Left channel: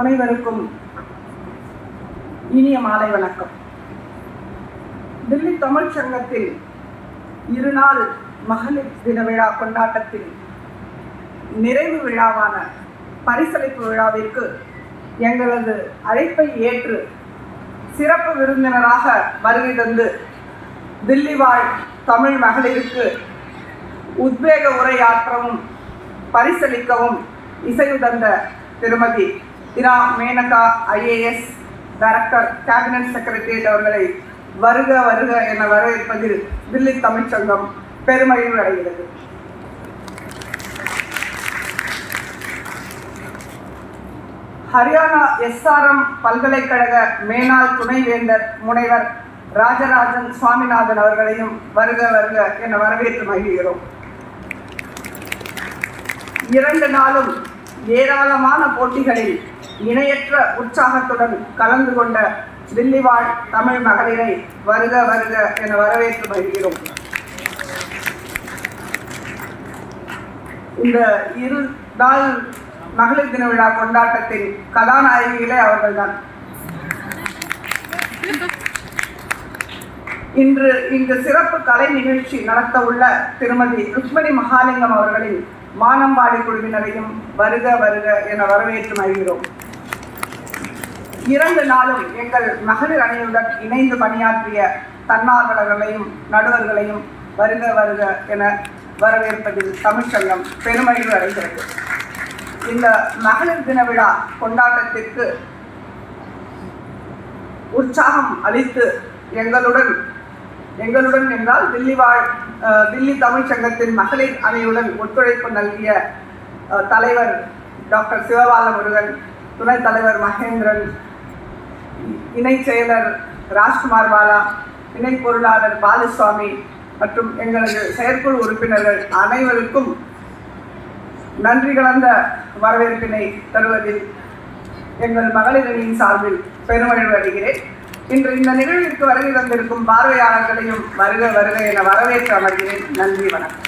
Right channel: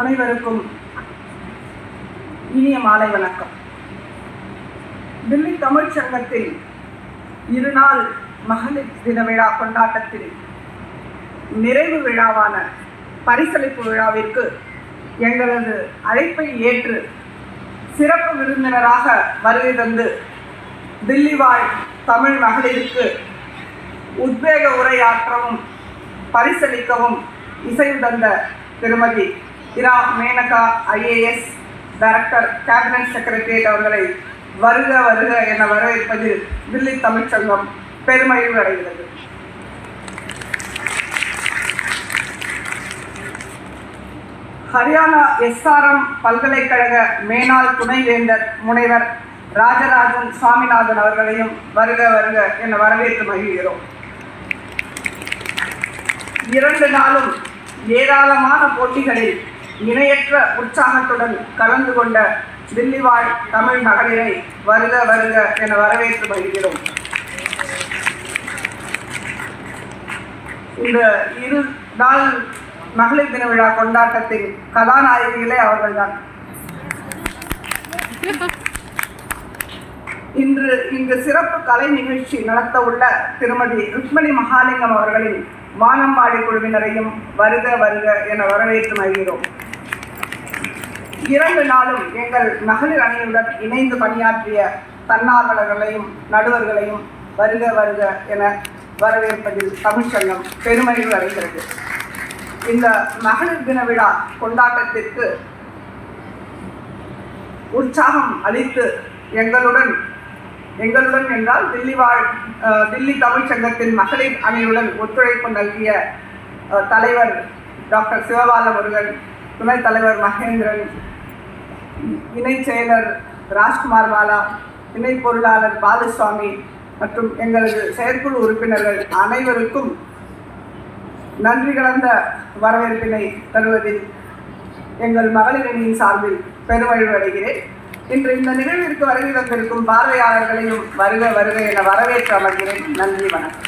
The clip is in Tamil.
அனைவருக்கும் இனிய மாலை வணக்கம். தில்லி தமிழ் சங்கத்தில் இருநாள் மகளிர் தின விழா கொண்டாட்டத்தில் நிறைவு விழாவான பரிசளிப்பு விழாவிற்கு எங்களது அழைப்பை ஏற்று சிறப்பு விருந்தினராக வருகை தந்து தில்லி வாழ் தமிழ் மகளிருக்கு உத்வேக உரையாற்றவும் பரிசளிக்கவும் இசைவு தந்த திருமதி Ira Menaka IAS director cabinet secretariat அவர்களை வருக வருக என வரவேற்பதில் தில்லி தமிழ்ச் சங்கம் பெருமகிழ்வு அடைகிறது. ஹரியானா SRM பல்கலைக்கழக மேனாள் துணைவேந்தர் முனைவர் ராஜராஜன் சுவாமிநாதன் அவர்களையும் வருக வருக என வரவேற்று மகிழ்கிறோம். 2 நாளும் ஏராளமான போட்டிகளில் இணையற்ற உற்சாகத்துடன் கலந்து கொண்ட தில்லி வாழ் தமிழ் மகளிரை வருக வருக என வரவேற்று மகிழ்கிறோம். இந்த 2 நாள் மகளிர் தின விழா கொண்டாட்டத்தின் கதாநாயகிகளே அவர்கள்தான். இன்று இந்த சிறப்பு கலை நிகழ்ச்சி நடத்த உள்ள திருமதி ருக்மணி மகாலிங்கம் அவர்களின் வானம்பாடி குழுவினரையும் வருக வருக என வரவேற்று மகிழ்கிறோம். 2 நாளும் எங்கள் மகளிர் அணியுடன் இணைந்து பணியாற்றிய தன்னார்வலர்களையும் நடுவர்களையும் வருக வருக என வரவேற்பதில் தமிழ்ச்சங்கம் பெருமகிழ்வு அடைகிறது. இந்த மகளிர் தின விழா கொண்டாட்டத்திற்கு உற்சாகம் அளித்து எங்களுடன் என்றால் தில்லி தமிழ் சங்கத்தின் மகளிர் அணியுடன் ஒத்துழைப்பு நல்கிய தலைவர் டாக்டர் சிவபால முருகன், துணைத் தலைவர் மகேந்திரன், இணை செயலர் ராஜ்குமார் பாலா, இணை பொருளாளர் பாலுசுவாமி மற்றும் எங்களது செயற்குழு உறுப்பினர்கள் அனைவருக்கும் நன்றி கலந்த வரவேற்பினை தருவதில் எங்கள் மகளிர் அணியின் சார்பில் பெருமகிழ்வு அடைகிறேன். இன்று இந்த நிகழ்விற்கு வருகை தந்திருக்கும் பார்வையாளர்களையும் வருக வருக என வரவேற்று அமர்கிறேன். நன்றி, வணக்கம்.